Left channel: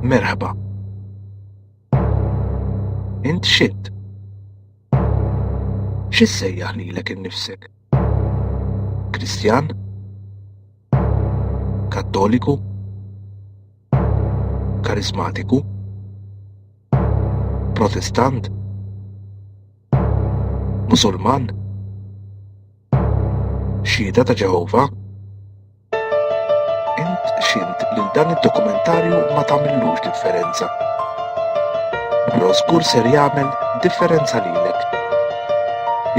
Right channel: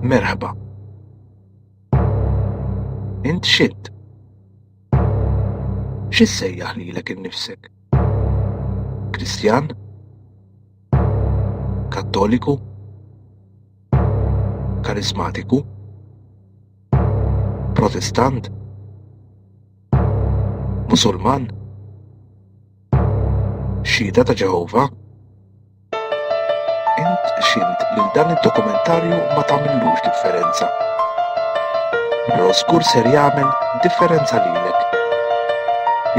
Merħba. Int x'int? X'issejjaħ lilek innifsek? Kristjan? Kattoliku? Karismatiku? Protestant? Musulman? Xhieda ta' Ġehovah? Int x'int lil dan id-dokumentarju ma tagħmellux differenza. Però żgur ser jagħmel differenza lilek.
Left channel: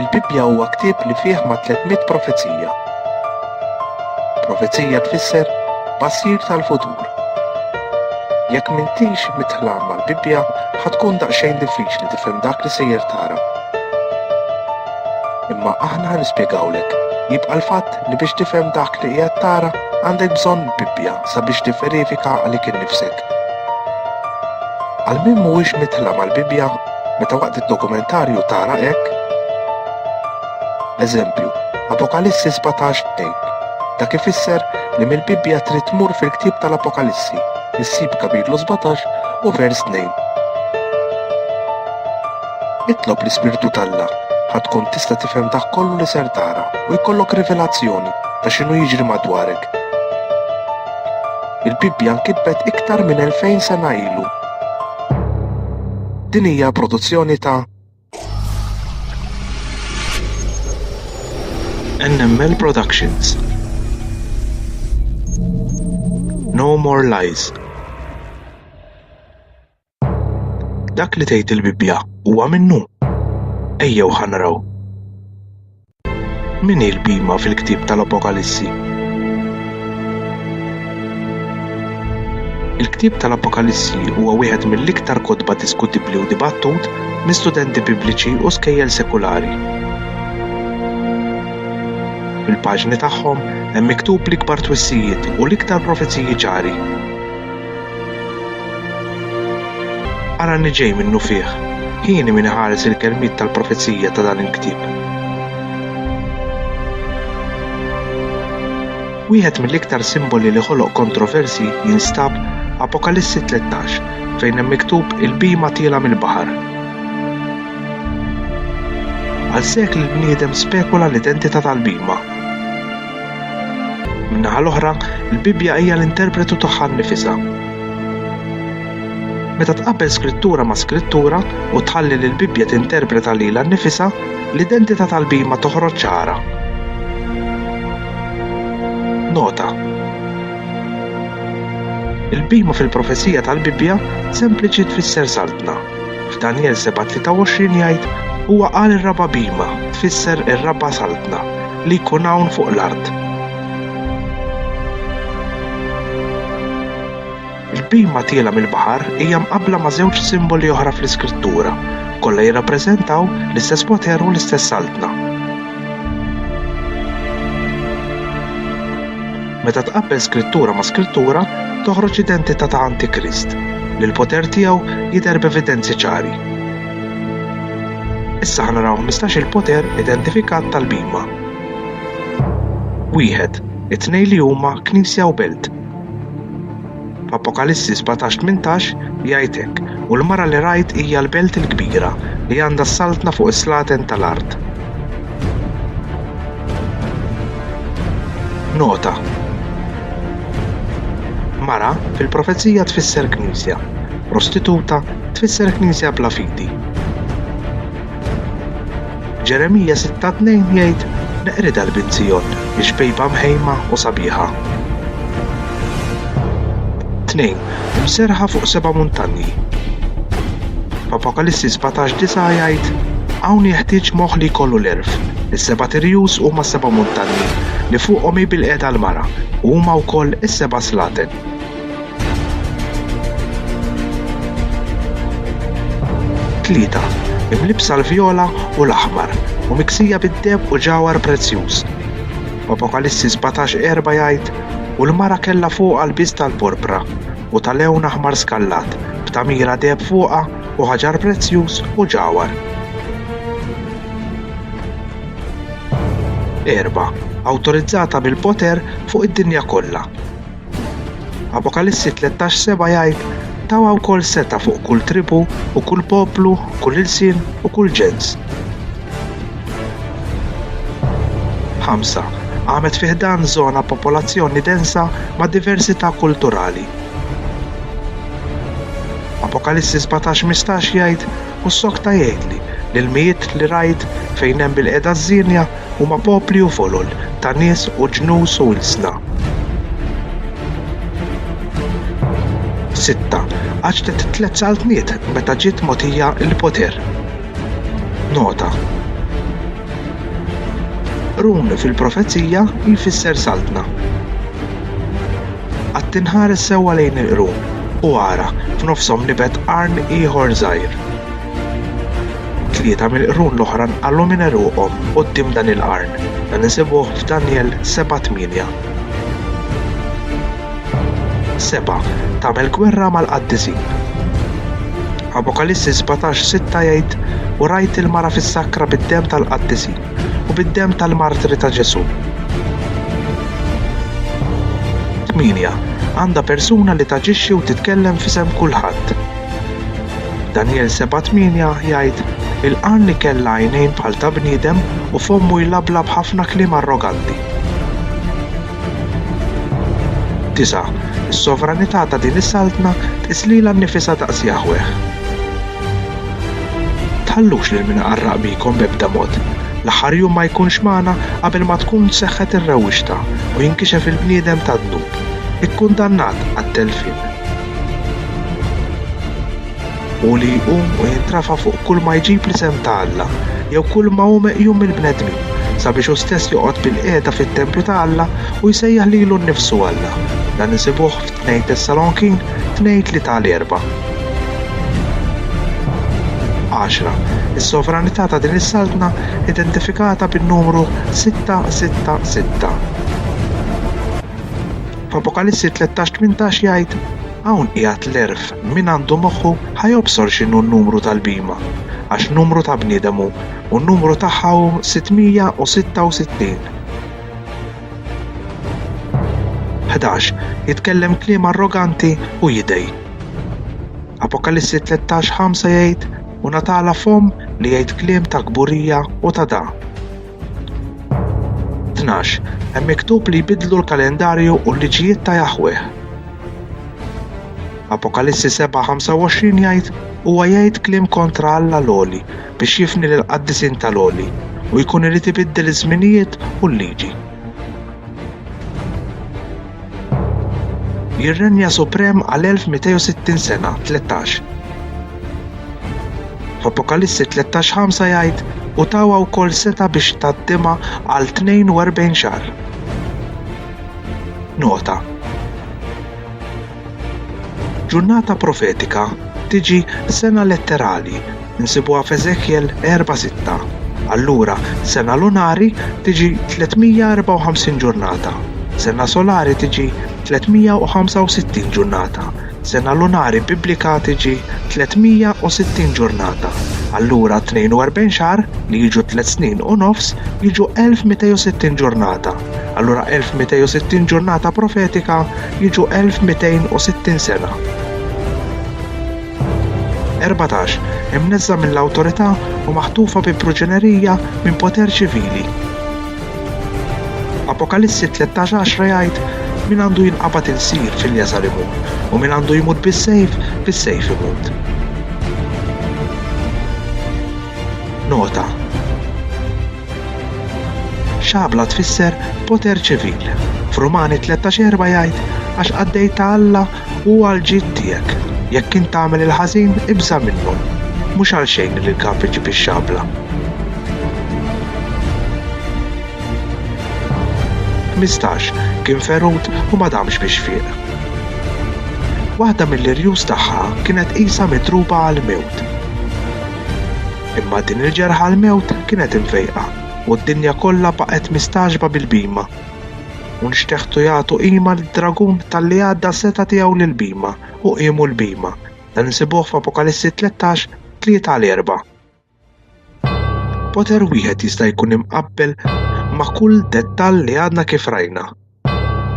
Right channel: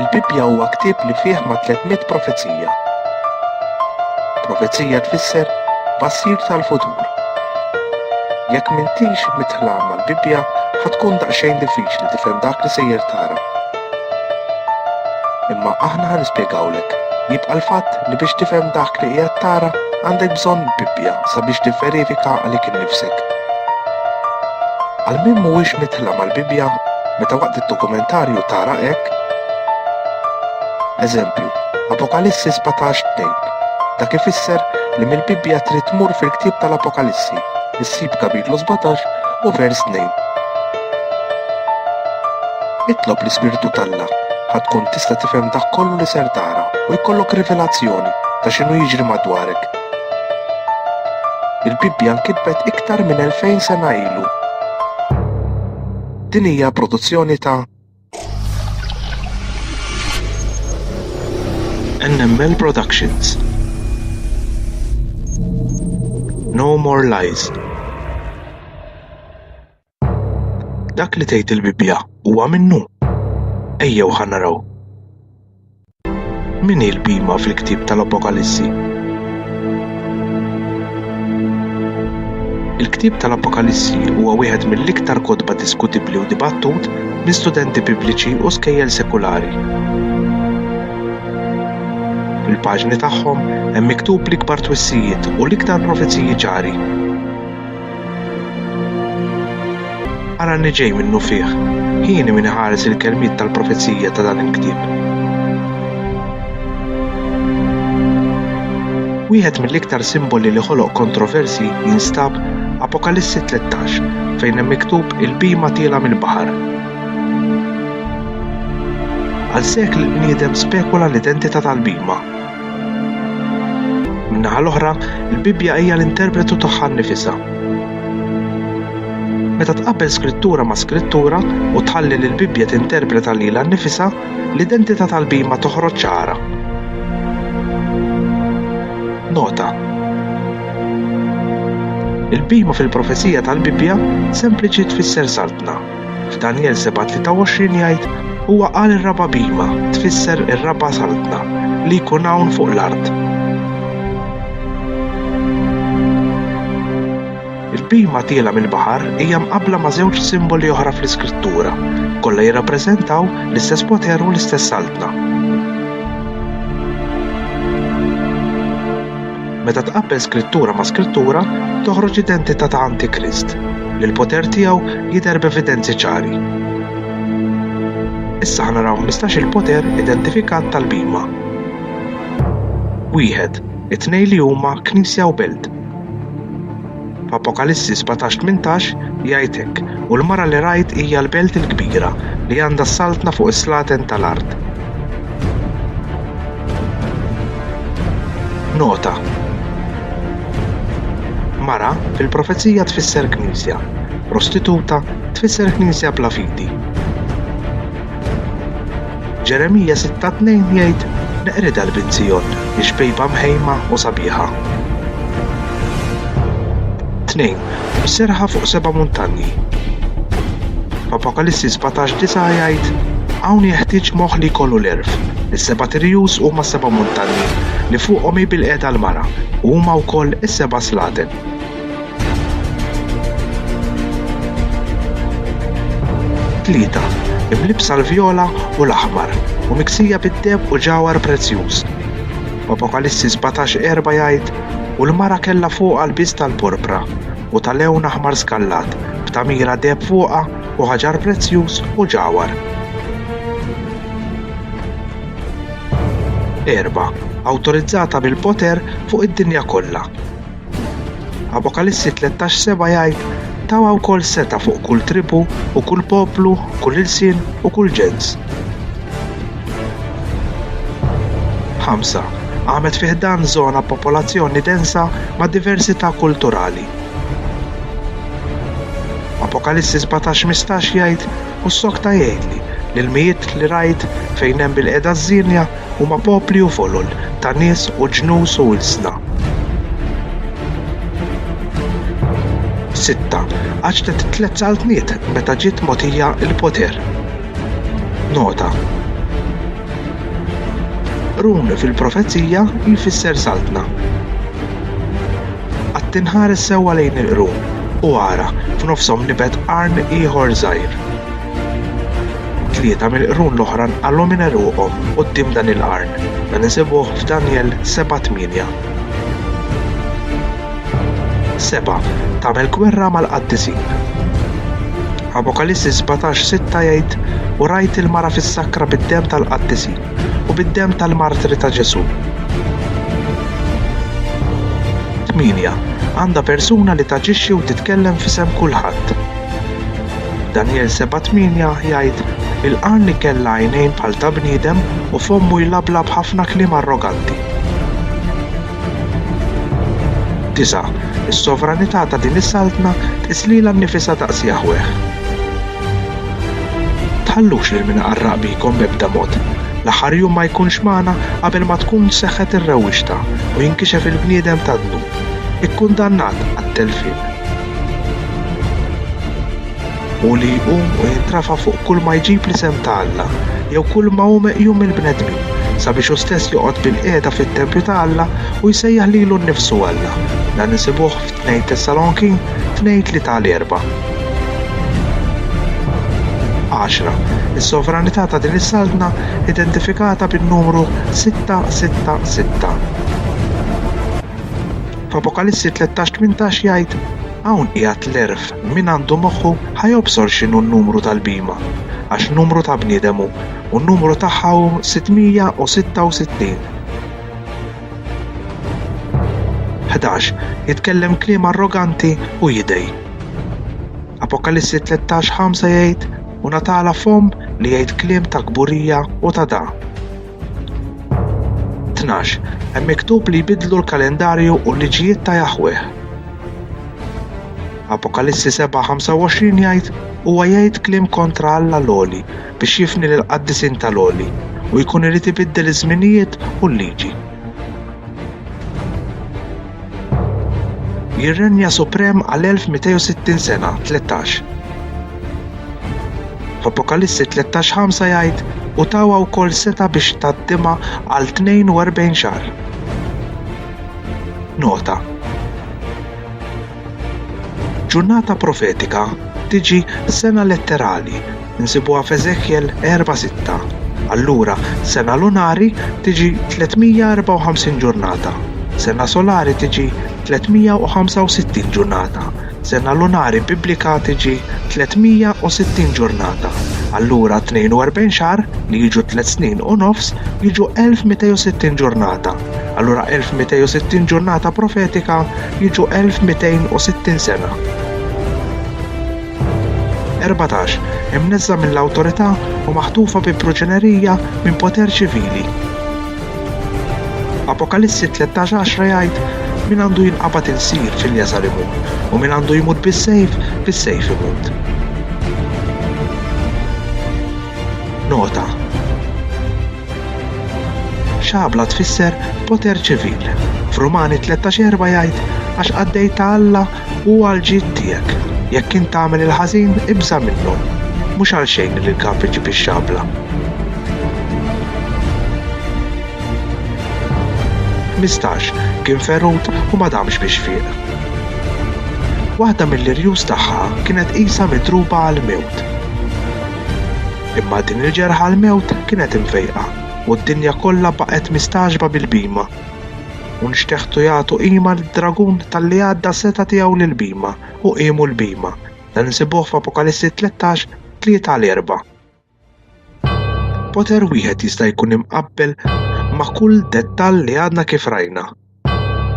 Il-Bibbja huwa ktieb li fih ma' 300 profezija. Profezija tfisser bassir tal-futur. Jekk m'intix mitħlam mal-Bibbja ħatkun daqsxejn diffiċli tifhem dak li sejjer tara. Imma aħna nispjegawlek jibqa' l-fatt li biex tifhem dak li qiegħed tara għandek bżonn Bibbja sabiex tivverifika għalik innifsek. Għal min mhuwiex mitħlam mal-Bibbja meta waqt id-dokumentarju tara hekk. Eżempju, Apokalissi 17:2. Dak ifisser li mill-Bibbja trid tmur fil-ktieb tal-Apokalissi, issib kapitlu 17 u vers 2. Itlob l-Ispirtu t'Alla ħadkun tista' tifhem dak kollu li ser tara u jkollok rivelazzjoni ta' x'inhu jiġri madwarek. Il-Bibbja nkitbet iktar minn 2000 sena ilu. Din hija produzzjoni ta' NML Productions. No More Lies. Dak li tgħid il-Bibbja huwa minnu. Ejjew ħanaraw. Min hi l-bima fil-ktieb tal-Apokalissi? Il-ktieb tal-Apokalissi huwa wieħed mill-iktar kotba diskutibbli u dibattut minn studenti bibliċi u skejjel sekulari. Fil-paġni tagħhom hemm miktub l-ikbar twissijiet u l-iktar profezziji ċari. Ara li ġej minnu fih, ħin min iħares il-kelmiet tal-profezzija ta' dan il-ktieb. Wieħed mill-iktar simboli li ħoloq kontroversi jinstab Apokalissi 13 fejn hemm miktub il-bima tiela mill-baħar. Għal sekli l-bniedem spekula l-identità tal-bima. Min-naħa l-oħra, il-Bibbja hija l-interpretu tagħha nnifisha. Meta tqabbel skrittura ma' skrittura u tħalli li l-Bibbja tinterpreta lilha nnifisha, l-identità tal-bima toħroġ ċara. Nota. Il-bima fil-profezija tal-Bibbja sempliċi tfisser saltna. F'Daniel 7:23 jgħid huwa qal ir-raba bima tfisser ir-raba saltna li jkun hawn fuq l-art. Il-bima tiela mill-baħar hija mqabbla ma' żewġ simboli oħra fl-iskrittura, kollha jirrappreżentaw l-istess poter u l-istess saltna. Meta tqabbel skrittura ma' skrittura, toħroġ identità ta' Antikrist, li l-poter tiegħu jidher b'evidenzi ċari. Issa ħanaraw 15 il-poter identifikat tal-bima. Wieħed, it-tnejn li huma Knisja u Belt. Apokalissi 17:18 jgħid hekk u l-mara li rajt hija l-belt il-kbira li għandha s-saltna fuq is-slatin tal-art. Nota. Mara fil-profezija tfisser knisja, prostituta tfisser knisja bla fidi. Ġeremija 6:2 jgħid neqrida l-Bint-Zjon biex bejba mħejma u sabiħa. 2. Serħa fuq 7 muntanji. Apokalissi 17:9 jgħid hawn jeħtieġ moħħ li jkollu l-erf. Is-7 tirjus huma 7 muntanji li fuqhom jibilqet għall-mara u huma wkoll is-7 slatin. 3. Imlibsa l-vjola u l-aħmar u miksija bid-deheb u ġawhar prezzjuż. Apokalissi 17:4 jgħid u l-mara kellha fuqha l-biż tal-purpra u tal-lewn aħmar skallat b'tamira deheb fuqha u ħaġar prezzjuż u ġawhar. 4. Awtorizzata bil-poter fuq id-dinja kollha. Apokalissi 13:7 jgħid tawa wkoll seta' fuq kull tribu u kull poplu, kull insien u kull ġens. 5. Għamet fih dan żona popolazzjoni densa ma' diversità kulturali. Apokalissi 17:15 jgħid u s-sokta jgħidli li l-mijiet li rajt fejn hemm bil-qiegħda żżirja huma popli u folol ta' nies u ġnus u ilsna. 6. Għaġtet 3 saltniet meta ġiet mogħtija l-poter. Nota. Rum fil-profezija jfisser saltna. Qatt tinħares sewwa lejn il-rum u ara f'nofshom nibed qarn ieħor żgħir. 3 mill-qrun l-oħra nqallu minn eruqhom quddiem dan il-qarn dan insibuh f'Daniel 7:8. 7. Tagħmel gwerra mal-Qaddisi. Apokalissi 17:6 jgħid u rajt il-mara fis-sakra bid-demm tal-Qaddisi u bid-demm tal-martri ta' Ġesu. 8. Għandha persuna li taġixxi u titkellem f'isem kulħadd. Daniel 7:8 jgħid il-qarn kellha għajnejn bħal ta' bniedem u fommu jlablab ħafna kliem arroganti. 9. Is-sovranità ta' din is-saltna tislilha nnifisha daqs Jaħweh. Tħallux lil min aqarraq bikom b'ebda mod. L-aħħar jum ma jkunx magħna qabel ma tkun seħħet ir-rawwixta u jinkixef il-bniedem tad-dub, ikkundannat għat-telfien. U li jqum u jintrafa fuq kull ma jġib l-isem ta' Alla jew kull ma hu meqjum mill-bnedmin sabiex hu stess joqgħod bil-qiegħda fit-tempju ta' Alla u jsejjaħ lilu nnifsu Alla. Dan insibuh f'2 Tessaloniki 2:3-4. 10. Is-sovranità ta' din is-saltna identifikata bin-numru 666. F'Apokalissi 13:18 jgħid hawn qiegħed l-erf min għandu moħħu ħajobsor x'inhu n-numru tal-bima għax numru ta' bniedem hu u n-numru tagħha hu 666. 11. Jitkellem kliem arroganti u jidej. Apokalissi 13:5 jgħid u natala fom li jgħid kliem ta' kburija u ta' da'. 12. Hemm miktub li jbidlu l-kalendarju u l-liġijiet ta' Jaħweh. Apokalissi 7:25 jgħid huwa jgħid kliem kontra Alla l-għoli biex jifni lill-qaddisin tal-għoli u jkun irid ibiddel iż-żminijiet u l-liġi. Jirrenja suprem għal 1260 sena, 13. F'Apokalissi 13:5 jgħid u tawa wkoll seta' biex taddimha għal 42 xahar. Nota. Ġurnata profetika tiġi sena letterali insibuha f'Eżekjel 4:6. Allura sena lunari tiġi 354 ġurnata. Sena solari tiġi 365 ġurnata. Sena lunari biblika tiġi 360 ġurnata. Allura 42 xahar li jiġu 3 snin u nofs jiġu 1260 ġurnata. Allura 1260 ġurnata profetika jiġu 1260 sena. 14. Imnezza mill-awtorità u maħtufa bi proġenerija minn poter ċivili. Apokalissi 13:10 jgħid min għandu jinqabad insir fil-jasal imut u min għandu jmut bis-sejf imut. Nota. Xabla tfisser poter ċivil. F'Rumani 13:4 jgħid għax qaddejt ta' Alla u għal ġid tiegħek. Jekk int tagħmel il-ħażin ibża minnu, mhux għal xejn li l-kap iġib ix-xabla. 15. Kien ferut u ma damx bix-xfiq. Waħda mill-irjus tagħha kienet qisha mitruba għall-mewt. Imma din il-ġerħa għall-mewt kienet imfejqa u d-dinja kollha baqgħet mistaġba bil-bima. U nixtieħtu jagħtu qima lid-dragun tal-li għadda seta' tiegħu lill-bima u qiemu l-bima. Dan insibuh f'Apokalissi 13:3-4. Poter wieħed jista' jkun imqabbel ma' kull dettall li għadna kif rajna.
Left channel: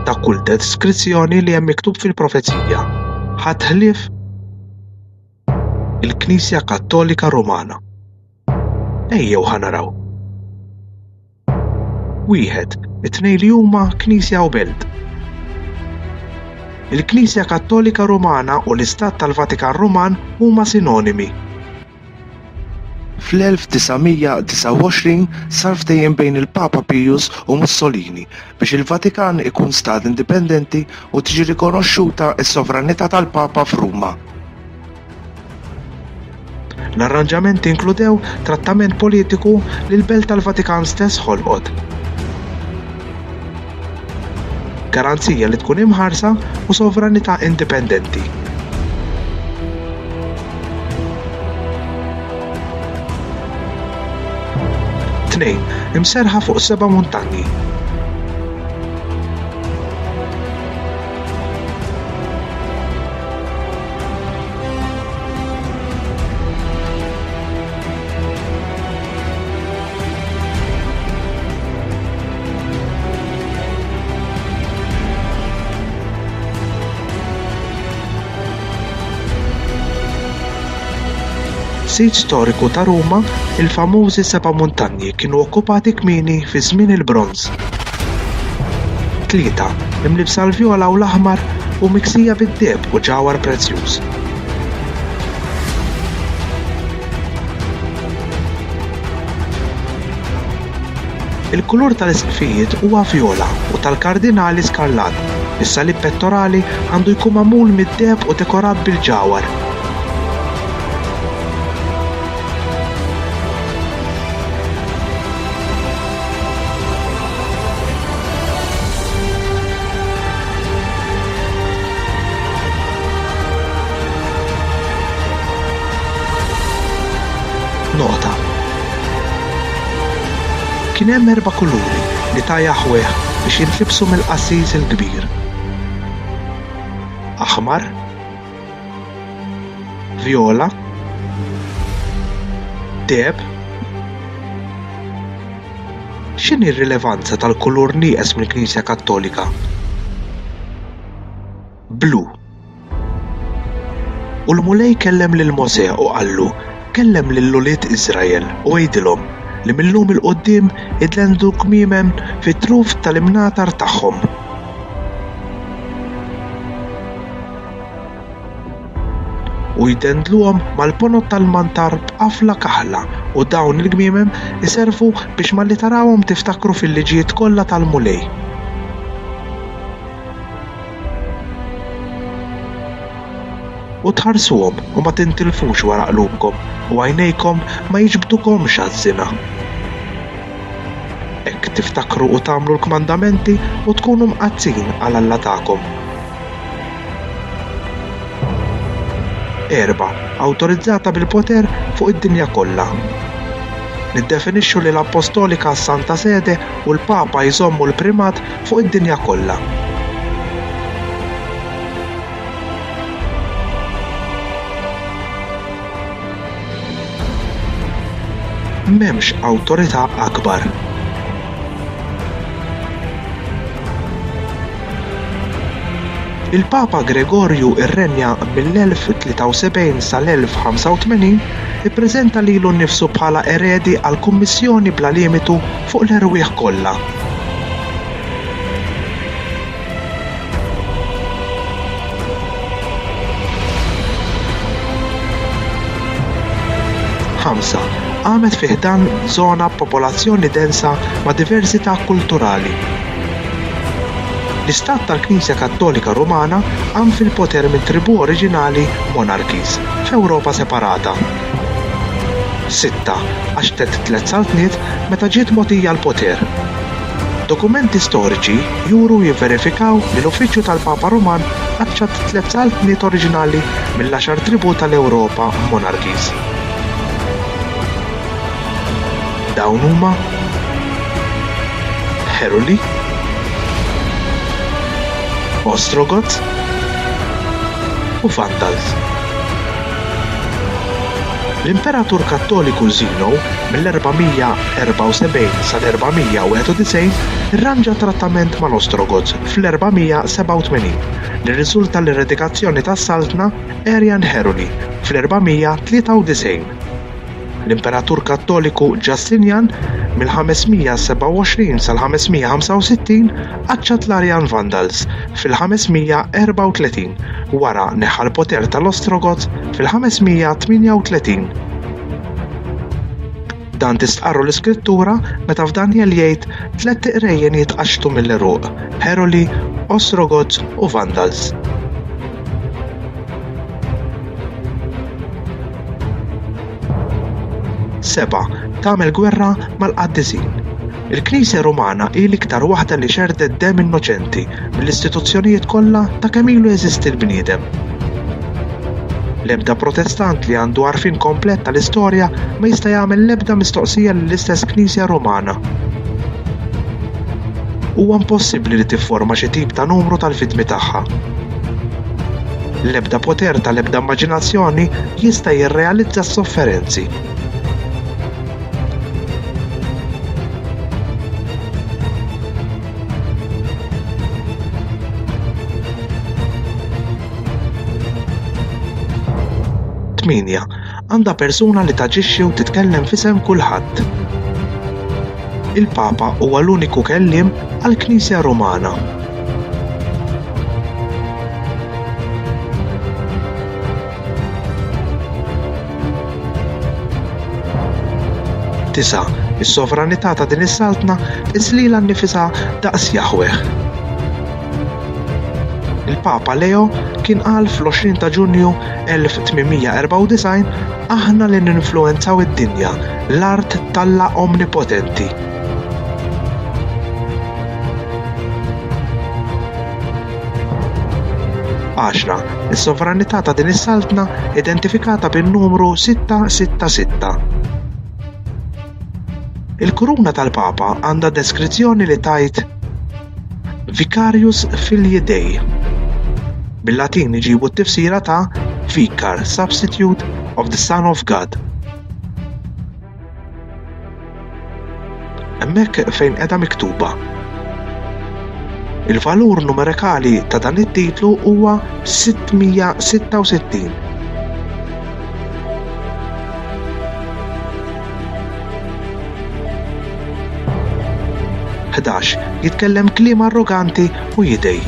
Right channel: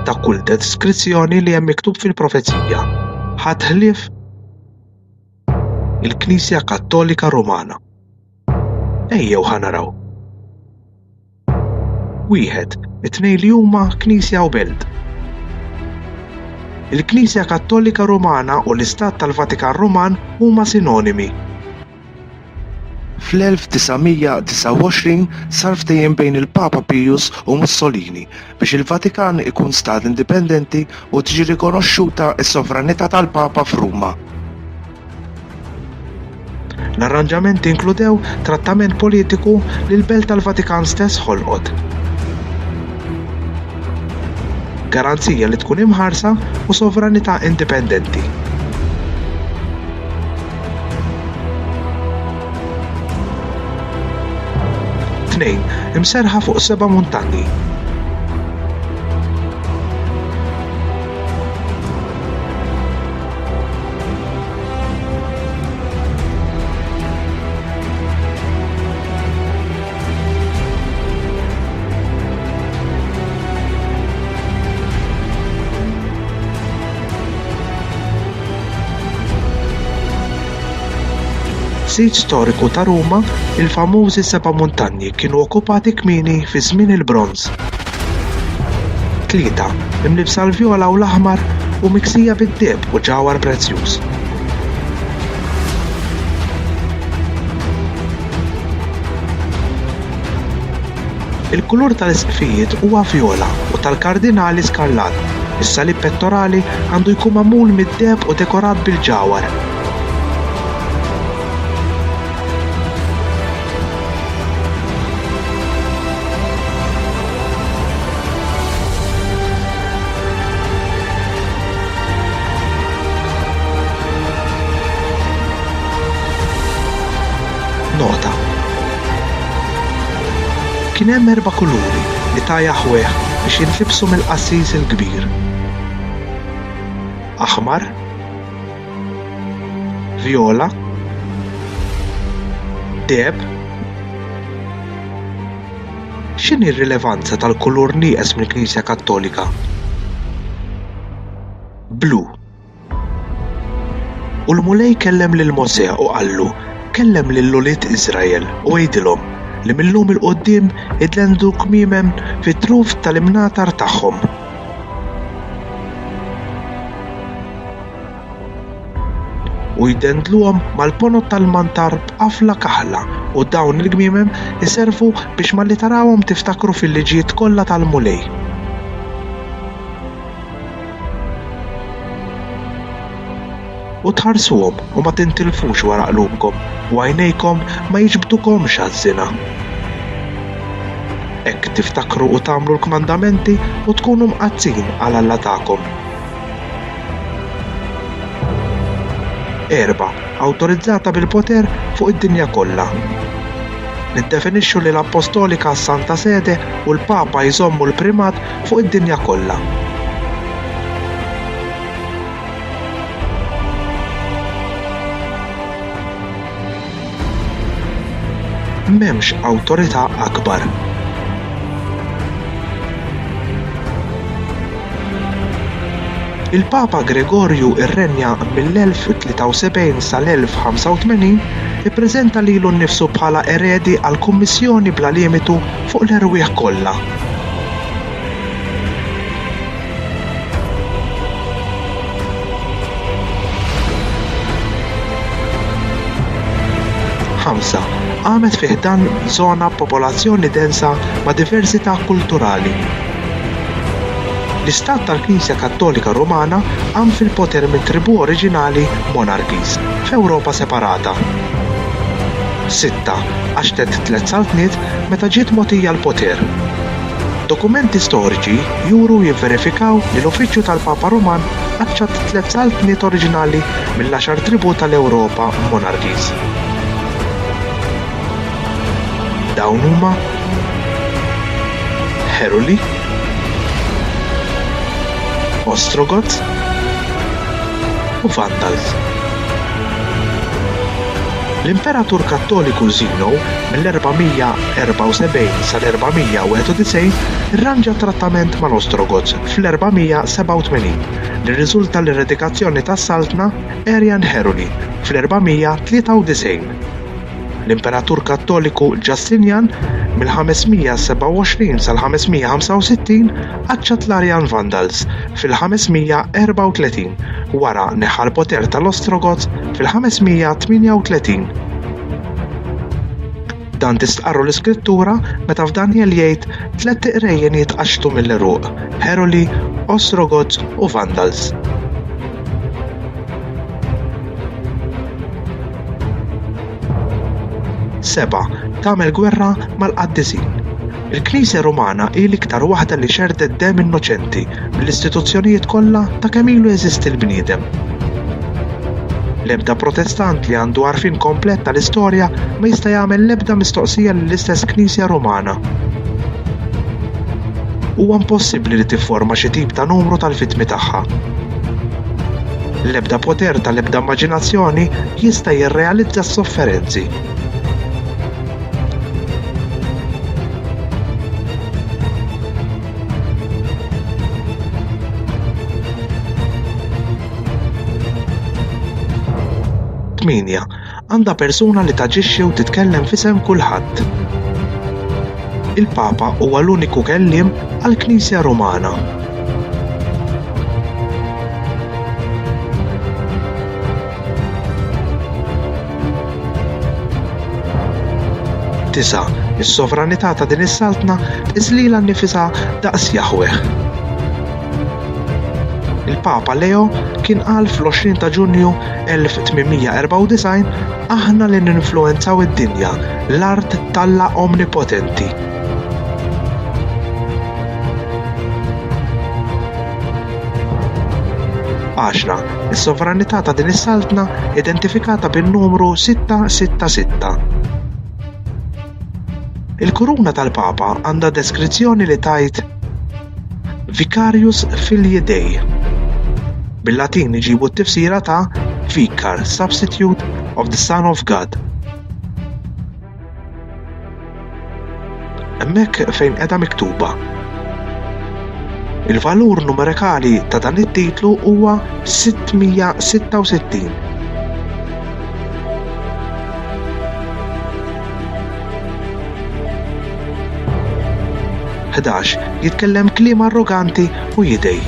Ta' kull deskrizzjoni li hemm miktub fil-profezija. Ħadd ħlief il-Knisja Kattolika Rumana. Ejjew ħanaraw. Wieħed, it-tnejn li huma Knisja u Belt. Il-Knisja Kattolika Rumana u l-Istat tal-Vatikan Ruman huma sinonimi. Fl-1929 sar ftehim bejn il-Papa Pius u Mussolini biex il-Vatikan ikun stat indipendenti u tiġi rikonoxxuta s-sovranità tal-Papa f'Ruma. L-arranġamenti inkludew trattament politiku li l-Belt tal-Vatikan stess ħolqot. Garanzija li tkun imħarsa u sovranità indipendenti. Tnejn, imserħa fuq 7 muntanji. Sit storiku ta' Ruma, il-famużi 7 muntanji kienu okkupati kmieni fi żmien il-Bronż. 3 imlibsa l-vjola u l-aħmar u miksija bid-deheb u ġawhar prezzjuż. Il-kulur tal-isqifijiet huwa vjola u tal-kardinali skarlat. Is-salib pettorali għandu jkun magħmul mid-deheb u dekorat bil-ġawhar. Kien hemm 4 kuluri li ta' jaħweħ biex jinfibsu mill-qassis il-kbir. Aħmar, vjola, deheb. X'inhi r-rilevanza tal-kulur nieqes mill-Knisja Kattolika? Blu. U l-Mulej kellem lil Mosè u qallu kellem lil ulied Iżrael u jgħidilhom li millum il-qoddim itlendu kmiemem fit-truf tal-imnatar tagħhom. U jdendluhom mal-ponot tal-mantar b'qafla kaħla u dawn il-kmiemem iservu biex malli tarawhom tiftakru fil-liġijiet kollha tal-Mulej. U tħarsuhom u ma tintilfux wara qlubkom u għajnejkom ma jiġbdukomx għaż-żina. Hekk tiftakru u tagħmlu l-kmandamenti u tkunu mqazzin għal Alla tagħkom. 4. Awtorizzata bil-poter fuq id-dinja kollha. Niddefinixxu li l-Apostolika s-Santa Sede u l-Papa jżommu l-primat fuq id-dinja kollha. M'hemmx awtorità akbar. Il-Papa Gregorju irrenja mill-1073 sal-1085 ippreżenta lilu nnifsu bħala eredi għal kummissjoni bla limitu fuq l-erwieħ kollha. Għamet fih dan żona popolazzjoni densa ma' diversità kulturali. L-Istat tal-Knisja Kattolika Rumana għam fil-poter mit-tribù oriġinali monarchies f'Ewropa separata. 6. Għaxtet 3 saltniet meta ġiet mogħtija l-poter. Dokumenti storiċi juru jivverifikaw li l-Uffiċċju tal-Papa Ruman aċċat 3 saltniet oriġinali mill-10 tribù tal-Ewropa monarchies. Dawn huma Heruli, Ostrogoths u Vandals. L-Imperatur Kattoliku Zeno mill-474 sal-491 irranġa trattament mal-Ostrogoths fl-487 li rriżulta l-eredikazzjoni tas-Saltna Arian Heruli fl-493. L-Imperatur Kattoliku Justinian mill-527 sal-565 aċċat l-Arian Vandals fil-534 wara neħa l-poter tal-Ostrogoths fil-538. Dan tistqarru l-iskrittura meta f'Daniel jgħid 3 qrejjen jitqaxtu mill-Eruq: Heruli, Ostrogoths u Vandals. 7. Tagħmel gwerra mal-Qaddisin. Il-Knisja Rumana hi l-iktar waħda li xerdet demm innoċenti mill-istituzzjonijiet kollha ta' kemm ilu jeżisti l-bniedem. L-ebda Protestant li għandu għarfien komplett tal-istorja ma jista' jagħmel l-ebda mistoqsija lill-istess Knisja Rumana. Huwa impossibbli li tifforma xi tip ta' numru tal-vittmi tagħha. L-ebda poter tal-ebda immaġinazzjoni jista' jirrealizza s-sofferenzi. Għandha persuna li taġixxi u titkellem f'isem kulħadd. Il-Papa huwa l-uniku kelliem għall-Knisja Rumana. Tisa, is-sovranità ta' din is-Saltna iżlilha nnifisha daqs Jaħweh. Il-Papa Leo kien qal fl-20 ta' Ġunju 1894 aħna li ninfluwenzaw id-dinja, l-art talla omnipotenti. Għaxna, is-sovranità ta' din is-Saltna identifikata bin-numru 666. Il-kuruna tal-Papa għandha deskrizzjoni li tajt Vicarius Filii Dei. Bil-Latin iġibu t-tifsira ta' Vicar, substitute of the Son of God. Hemmhekk fejn qiegħda miktuba. Il-valur numerikali ta' dan it-titlu huwa 666. Jitkellem kliem arroganti u jidej.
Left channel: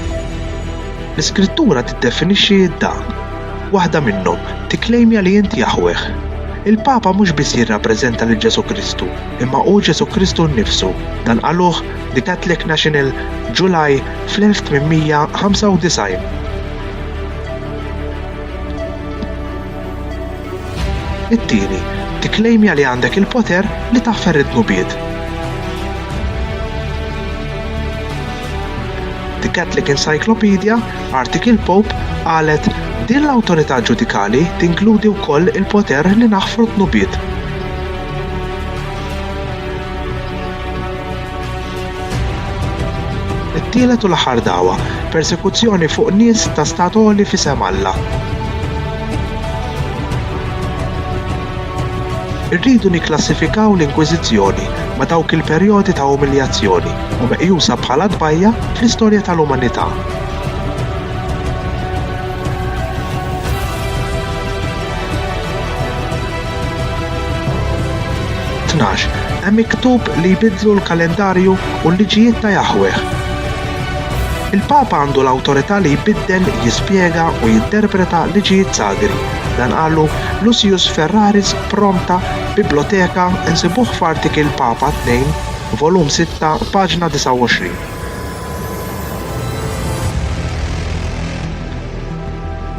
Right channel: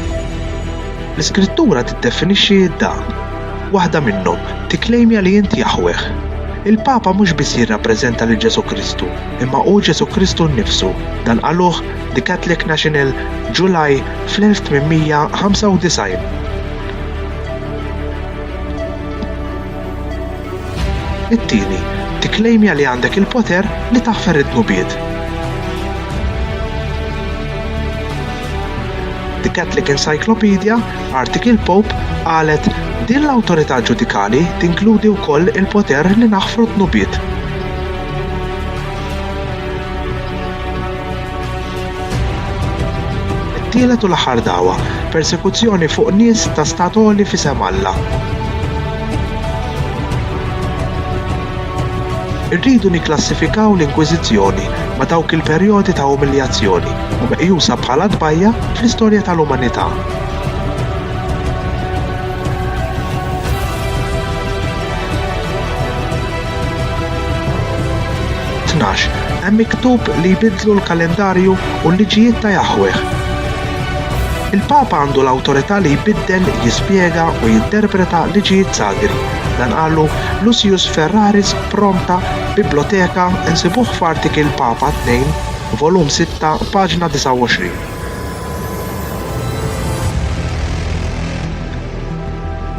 L-iskrittura tiddefinixxi dan. Waħda minnhom tikklejmja li inti Jaħweh. Il-Papa mhux biss jirrappreżenta lil Ġesu Kristu, imma hu Ġesu Kristu nnifsu. Dan qaluh The Catholic National July fl-1895. It-tieni tikklejmja li għandek il-poter li taħfer id-nubiet. Catholic Encyclopedia, artikil Pope, qalet din l-awtorità ġudikali tinkludi wkoll il-poter li naħfru t-nubiet. It-tielet u l-aħħar dawwa, persekuzzjoni fuq nies ta' statoli f'isem Alla. Irridu nikklassifikaw l-Inkwiżizzjoni ma' dawk il-perjodi ta' umiljazzjoni u meqjusa bħala tbajja fl-istorja tal-umanità. Hemm miktub li jbidlu l-kalendarju u l-liġijiet ta' Jaħweh. Il-Papa għandu l-awtorità li jbiddel, jispjega u jinterpreta liġijiet sadri. Dan qalu Lucius Ferraris Pronta Biblioteka insibuh f'artikil Papa 2, volum 6, paġna 29.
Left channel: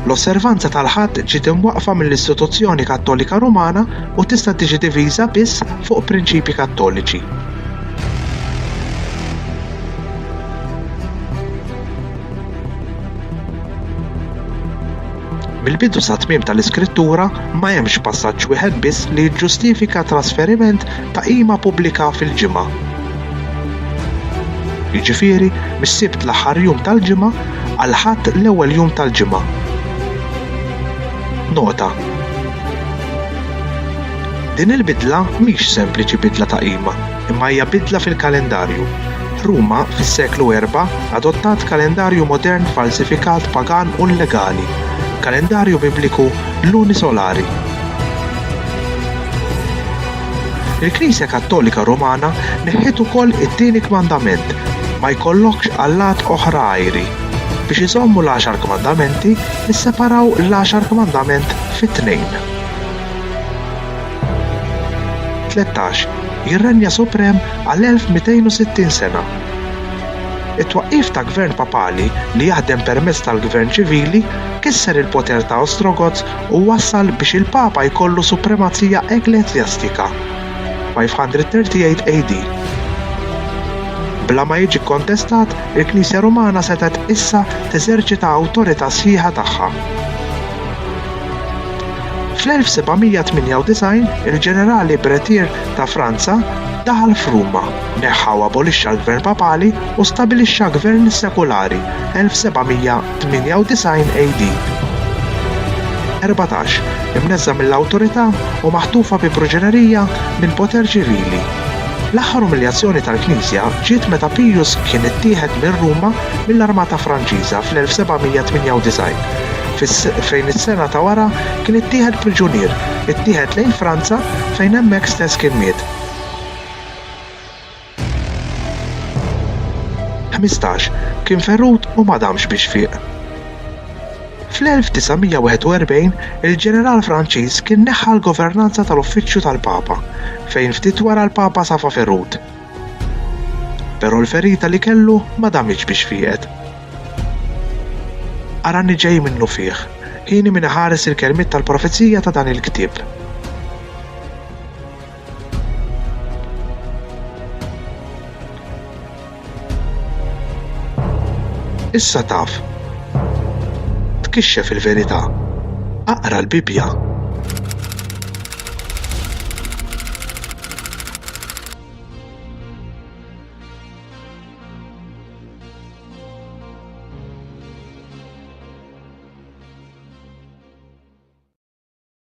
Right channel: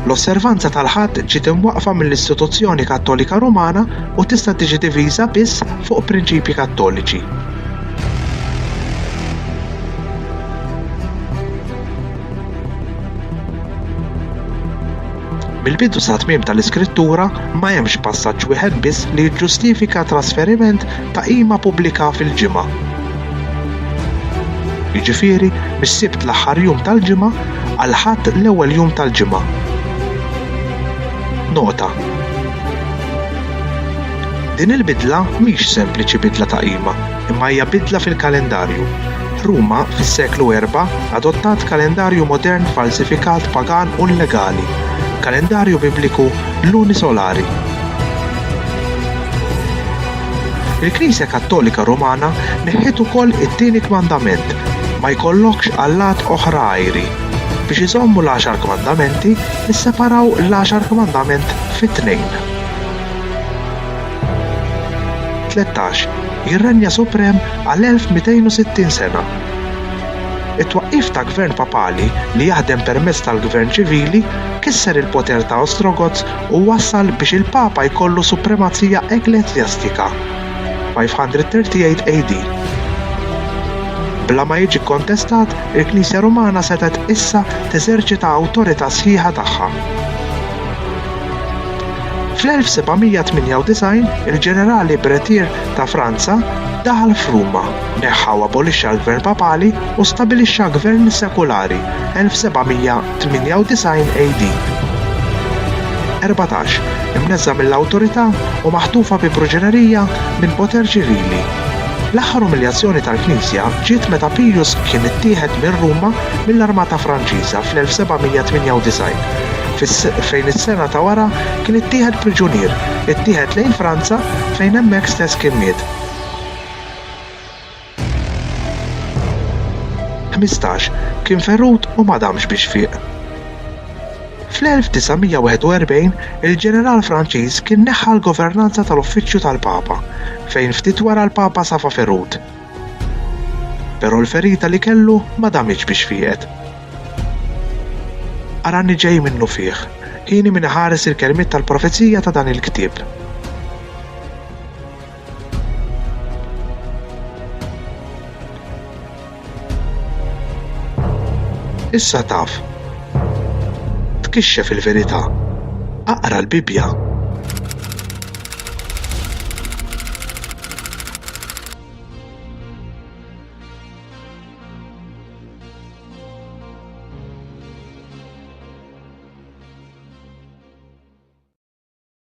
L-osservanza tal-ħadd ġiet imwaqfa mill-Istituzzjoni Kattolika Rumana u tista' tiġi diviża biss fuq prinċipji kattoliċi. Mill-bidu sa tmiem tal-Iskrittura ma hemmx passaġġ wieħed biss li jiġġustifika trasferiment ta' qima pubblika fil-ġimgħa. Jiġifieri mis-Sibt l-aħħar jum tal-ġimgħa għal Ħadd l-ewwel jum tal-ġimgħa. Nota. Din il-bidla mhix sempliċi bidla ta' qima, imma hija bidla fil-kalendarju. Ruma fis-seklu 4 adottat kalendarju modern falsifikat pagan u illegali, kalendarju bibliku lunisolari. Il-Knisja Kattolika Rumana neħħet ukoll it-tieni kmandament, ma jkollokx allat oħra għajri. Biex iżommu l-10 kmandamenti, nisseparaw l-10 kmandament fit-tnejn. 13. Ir-renja suprem għal 1260 sena. It-twaqqif ta' gvern papali li jaħdem permezz tal-gvern ċivili kisser il-poter ta' Ostrogoths u wassal biex il-Papa jkollu supremazija ekklesjastika 538 AD. Bla ma jiġi kontestat, il-Knisja Rumana setet issa teżerċita awtorità sħiħa tagħha. Fl-1798 il-ġenerali Bretier ta' Franza daħal f'Ruma, neħħa u abolixxa l-gvern papali u stabilixxa gvern sekulari 1798 AD. 14. Imnezza mill-awtorità u maħtufa bi proġenerija minn poter ċivili. L-aħħar umiljazzjoni tal-Knisja ġiet meta Pius kien ittieħed minn Ruma mill-Armata Franċiża fl-1798. Fejn is-sena ta' wara kien ittieħed priġunier, ittieħed lejn Franza fejn hemmhekk stess kien miet. 15. Kien ferrut u ma damx biex fiq. Fl-1941 il-ġeneral Franċiż kien neħħa l-governanza tal-Uffiċċju tal-Papa, fejn ftit wara l-Papa safa ferrut. Però l-ferita li kellu ma damx biex fiqet. Arani ġej minnu fih, ħini min ħares il-kelmiet tal-profezija ta' dan il-ktieb. Issa taf. Tkixxef il-verità. Aqra l-Bibja